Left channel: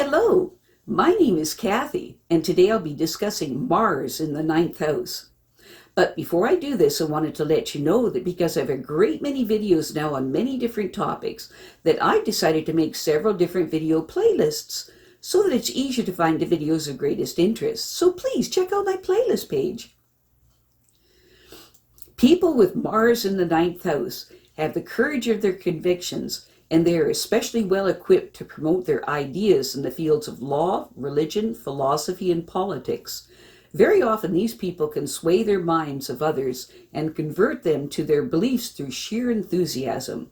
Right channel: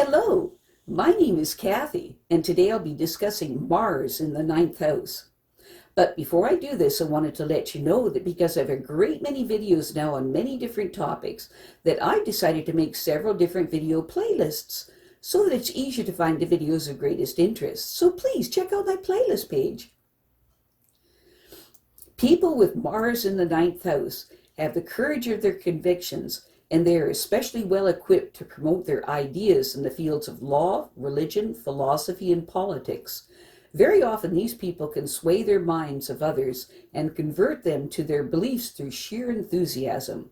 Hello, my name is Kathy, and today I'll be discussing Mars in the ninth house. But before I do this, I wanted to let you know that because I have a great many videos now on many different topics, that I decided to make several different video playlists so that it's easier to find the videos of greatest interest. So please check out my playlist page. People with Mars in the ninth house have the courage of their convictions, and they are especially well equipped to promote their ideas in the fields of law, religion, philosophy, and politics. Very often these people can sway their minds of others and convert them to their beliefs through sheer enthusiasm.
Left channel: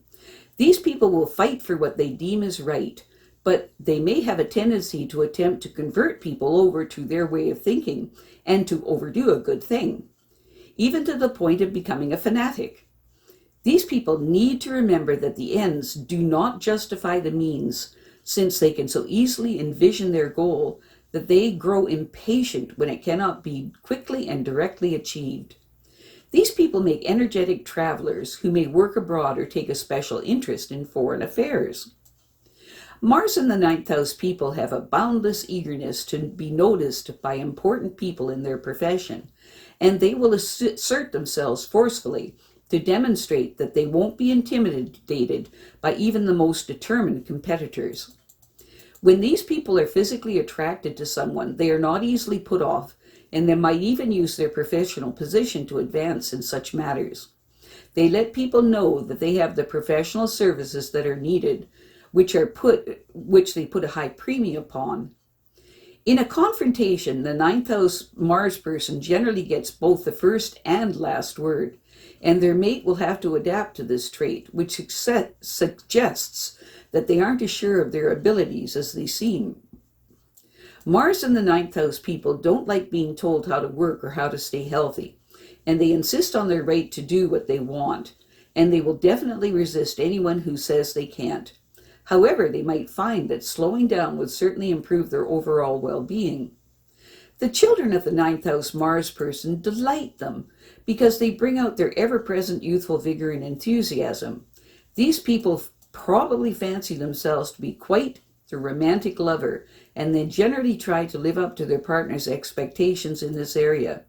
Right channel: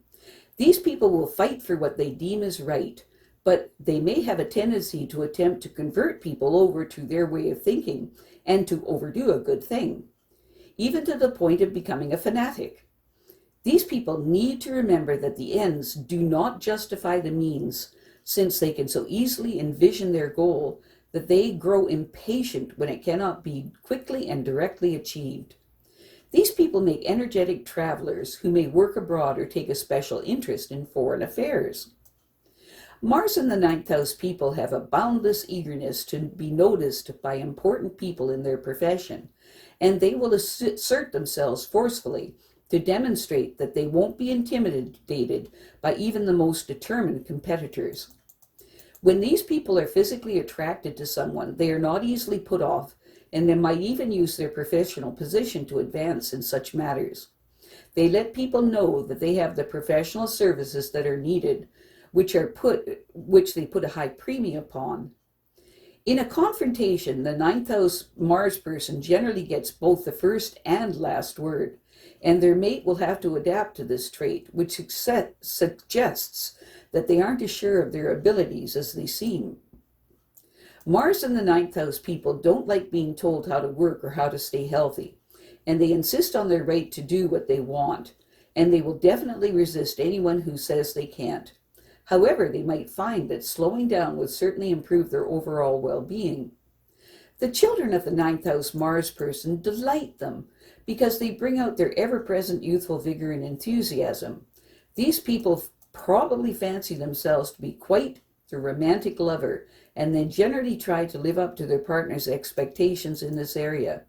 These people will fight for what they deem is right, but they may have a tendency to attempt to convert people over to their way of thinking and to overdo a good thing, even to the point of becoming a fanatic. These people need to remember that the ends do not justify the means, since they can so easily envision their goal that they grow impatient when it cannot be quickly and directly achieved. These people make energetic travelers who may work abroad or take a special interest in foreign affairs. Mars in the ninth house people have a boundless eagerness to be noticed by important people in their profession, and they will assert themselves forcefully to demonstrate that they won't be intimidated by even the most determined competitors. When these people are physically attracted to someone, they are not easily put off, and they might even use their professional position to advance in such matters. They let people know that they have the professional services that are needed, which they put a high premium upon. In a confrontation, the ninth house Mars person generally gets both the first and last word, and their mate will have to adapt to this trait, which suggests that they aren't as sure of their abilities as they seem. Mars in the ninth house people don't like being told how to work or how to stay healthy, and they insist on their right to do what they want, and they will definitely resist anyone who says they can't. However, they might find that slowing down would certainly improve their overall well-being. The children of the ninth house Mars person delight them because they bring out their ever-present youthful vigor and enthusiasm. These people probably fancy themselves to be quite the romantic lover, and they generally try to live up to their partner's expectations in this area.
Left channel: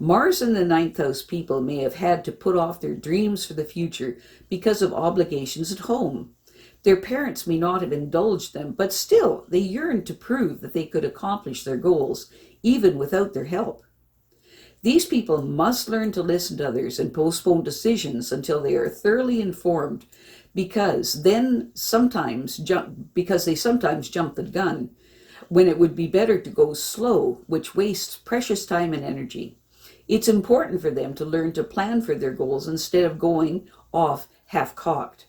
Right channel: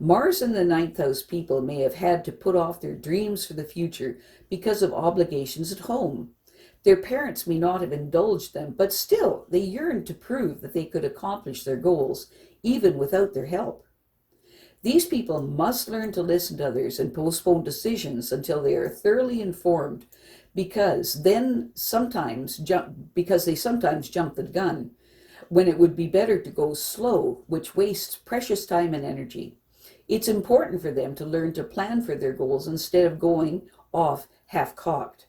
Mars in the ninth house people may have had to put off their dreams for the future because of obligations at home. Their parents may not have indulged them, but still they yearn to prove that they could accomplish their goals, even without their help. These people must learn to listen to others and postpone decisions until they are thoroughly informed, because they sometimes jump the gun when it would be better to go slow, which wastes precious time and energy. It's important for them to learn to plan for their goals instead of going off half-cocked.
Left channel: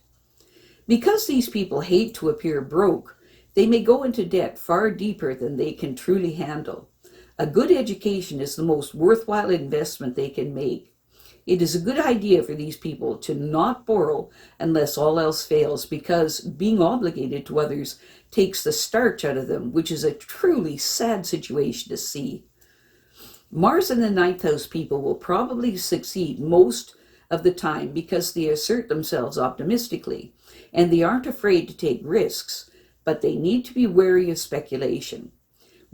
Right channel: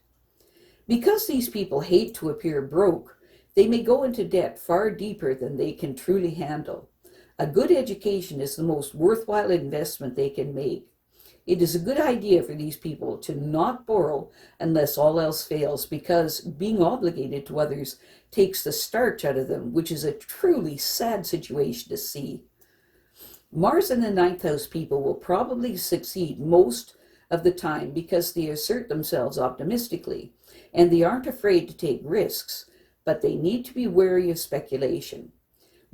Because these people hate to appear broke, they may go into debt far deeper than they can truly handle. A good education is the most worthwhile investment they can make. It is a good idea for these people to not borrow unless all else fails, because being obligated to others takes the starch out of them, which is a truly sad situation to see. Mars in the ninth house people will probably succeed most of the time because they assert themselves optimistically, and they aren't afraid to take risks, but they need to be wary of speculation.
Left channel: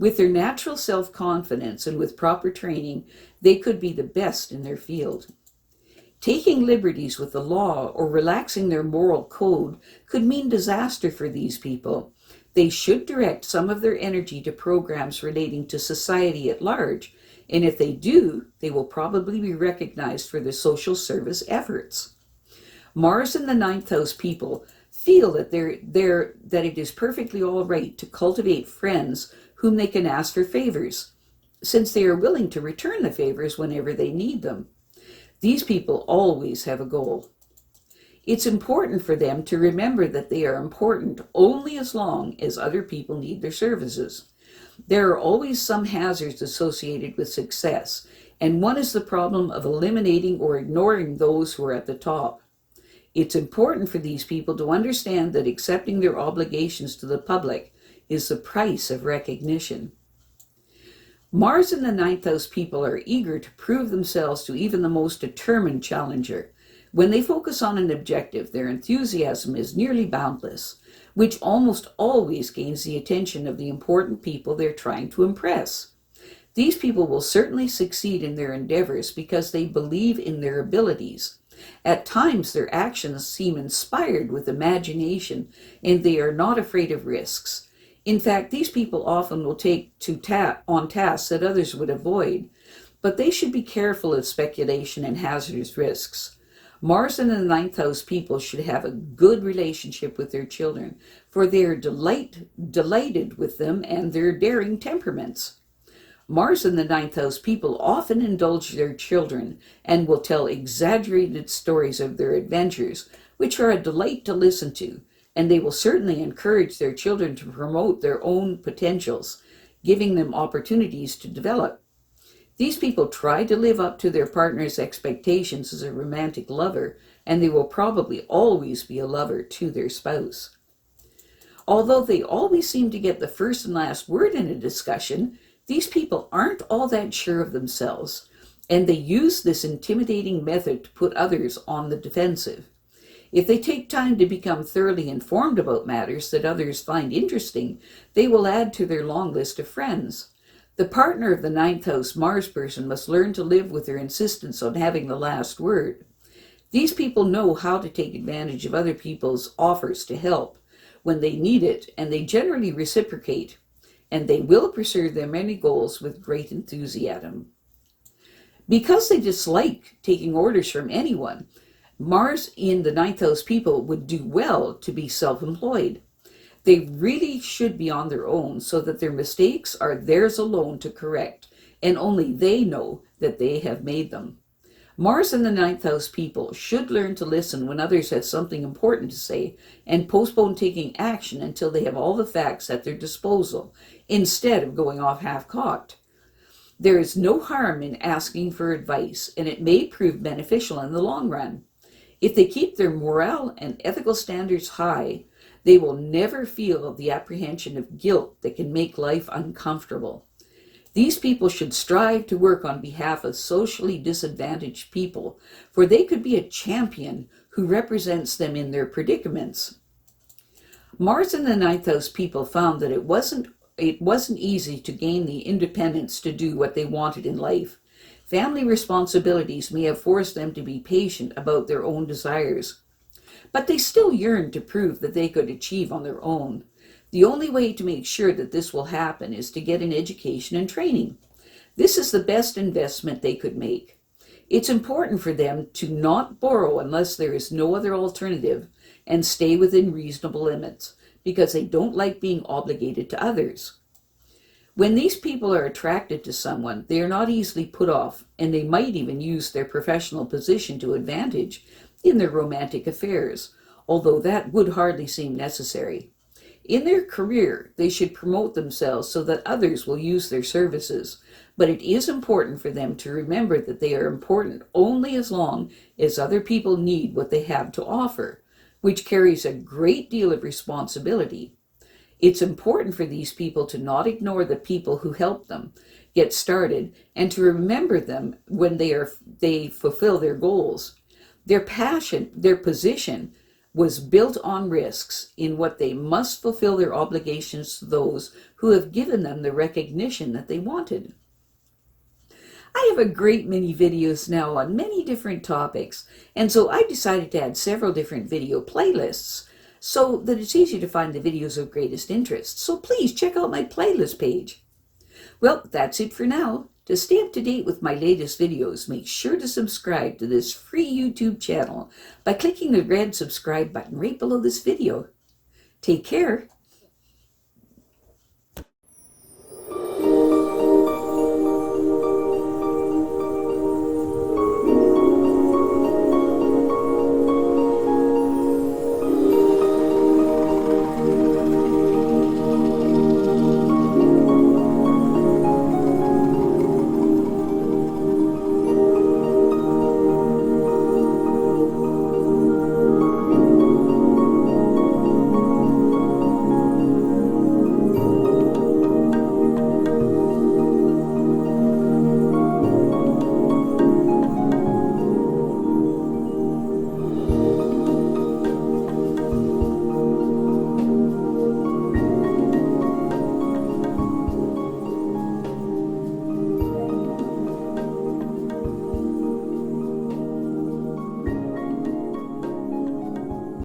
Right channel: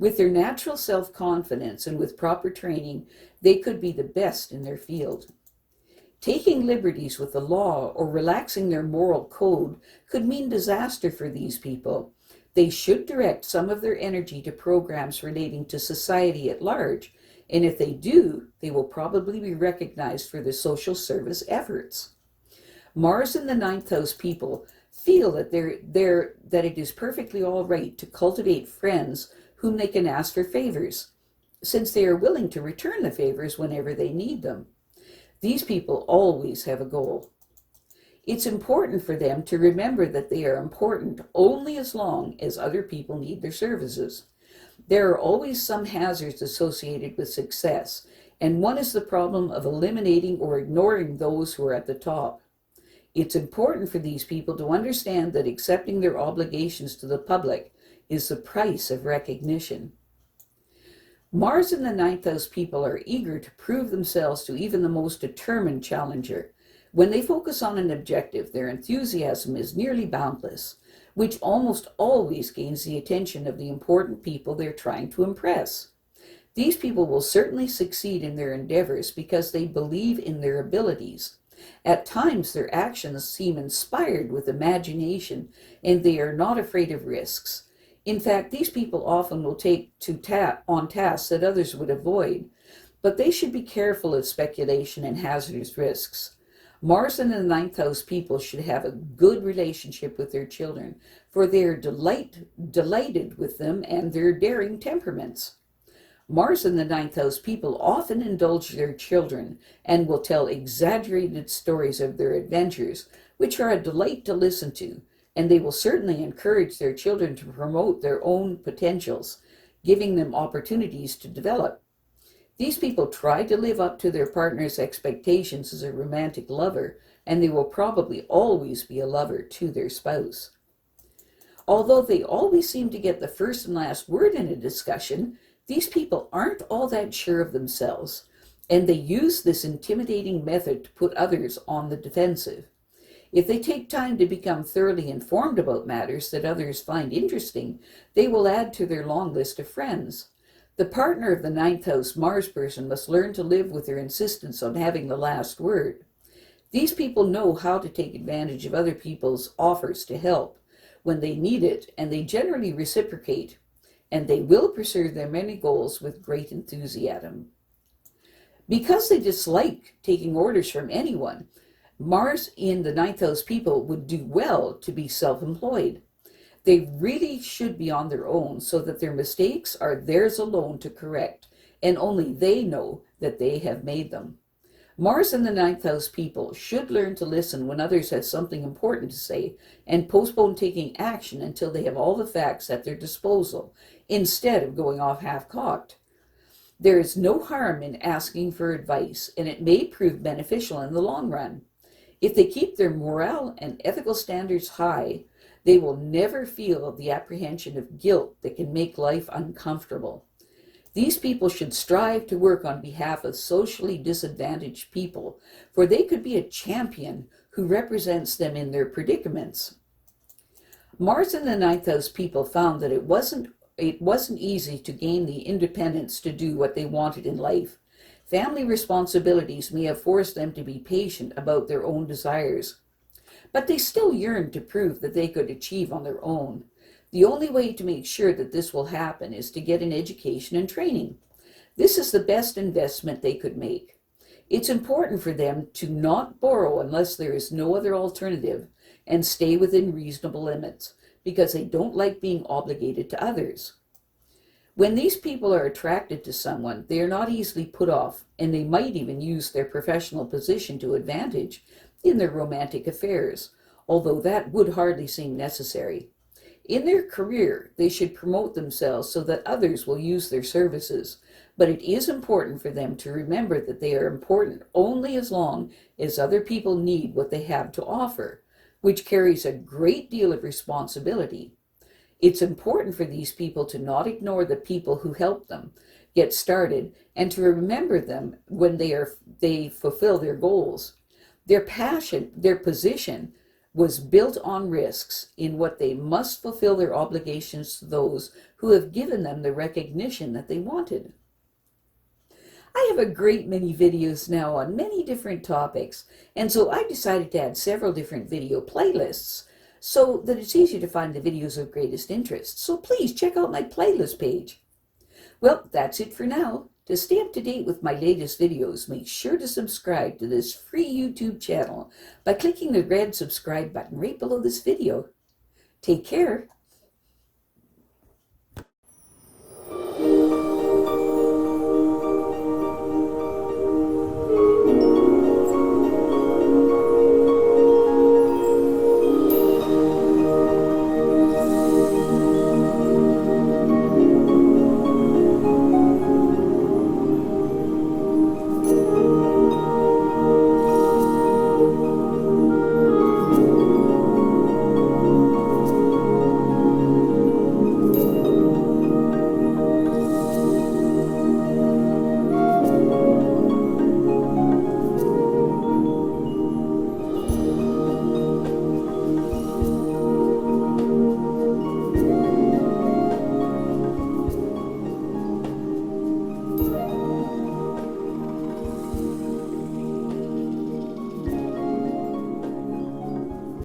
With their natural self-confidence and with proper training, they could be the best in their field. Taking liberties with the law or relaxing their moral code could mean disaster for these people. They should direct some of their energy to programs relating to society at large, and if they do, they will probably be recognized for their social service efforts. Mars in the ninth house people feel that it is perfectly all right to cultivate friends whom they can ask for favors, since they are willing to return the favors whenever they need them. These people always have a goal. It's important for them to remember that they are important only as long as other people need their services. There are always some hazards associated with success, and one is the problem of eliminating or ignoring those who are at the top. It's important for these people to understand that accepting their obligations to the public is the price of recognition. Mars in the ninth house people are eager to prove themselves to even the most determined challenger, When they focus on an objective, their enthusiasm is nearly boundless, which almost always gains the attention of the important people they're trying to impress. These people will certainly succeed in their endeavors because they believe in their abilities. At times, their actions seem inspired with imagination, and they are not afraid of risks. In fact, these people often will take on tasks that others would avoid, but they should be careful of speculation and hazardous risks. Mars and the ninth house people should have a good relationship with their children, for they are delighted with them and their daring temperaments. Mars and the ninth house people often indulge their children and will tell exaggerated stories of their adventures, which are a delight to listen to, and they will certainly encourage their children to promote their own potentials, giving them opportunities to develop. These people try to live up to their partner's expectations as a romantic lover, and they will probably always be a lover to their spouse. Although they always seem to get the first and last word in a discussion, these people aren't all that sure of themselves, and they use this intimidating method to put others on the defensive. If they take time to become thoroughly informed about matters that others find interesting, they will add to their long list of friends. The partner of the ninth house Mars person must learn to live with their insistence on having the last word. These people know how to take advantage of other people's offers to help when they need it, and they generally reciprocate, and they will pursue their many goals with great enthusiasm. Because they dislike taking orders from anyone, Mars in the ninth house people would do well to be self-employed. They really should be on their own so that their mistakes are theirs alone to correct, and only they know that they have made them. Mars in the ninth house people should learn to listen when others have something important to say and postpone taking action until they have all the facts at their disposal, instead of going off half-cocked. There is no harm in asking for advice, and it may prove beneficial in the long run. If they keep their moral and ethical standards high, they will never feel the apprehension of guilt that can make life uncomfortable. These people should strive to work on behalf of socially disadvantaged people, for they could be a champion who represents them in their predicaments. Mars in the ninth house people found that it wasn't easy to gain the independence to do what they wanted in life. Family responsibilities may have forced them to be patient about their own desires, but they still yearned to prove that they could achieve on their own. The only way to make sure that this will happen is to get an education and training. This is the best investment they could make. It's important for them to not borrow unless there is no other alternative and stay within reasonable limits, because they don't like being obligated to others. When these people are attracted to someone, they are not easily put off, and they might even use their professional position to advantage in their romantic affairs, although that would hardly seem necessary. In their career, they should promote themselves so that others will use their services, but it is important for them to remember that they are important only as long as other people need what they have to offer, which carries a great deal of responsibility. It's important for these people to not ignore the people who help them get started and to remember them when they fulfill their goals. Their passion, their position was built on risks in what they must fulfill their obligations to those who have given them the recognition that they wanted. I have a great many videos now on many different topics, and so I decided to add several different video playlists so that it's easy to find the videos of greatest interest. So please check out my playlist page. Well, that's it for now. To stay up to date with my latest videos, make sure to subscribe to this free YouTube channel by clicking the red subscribe button right below this video. Take care.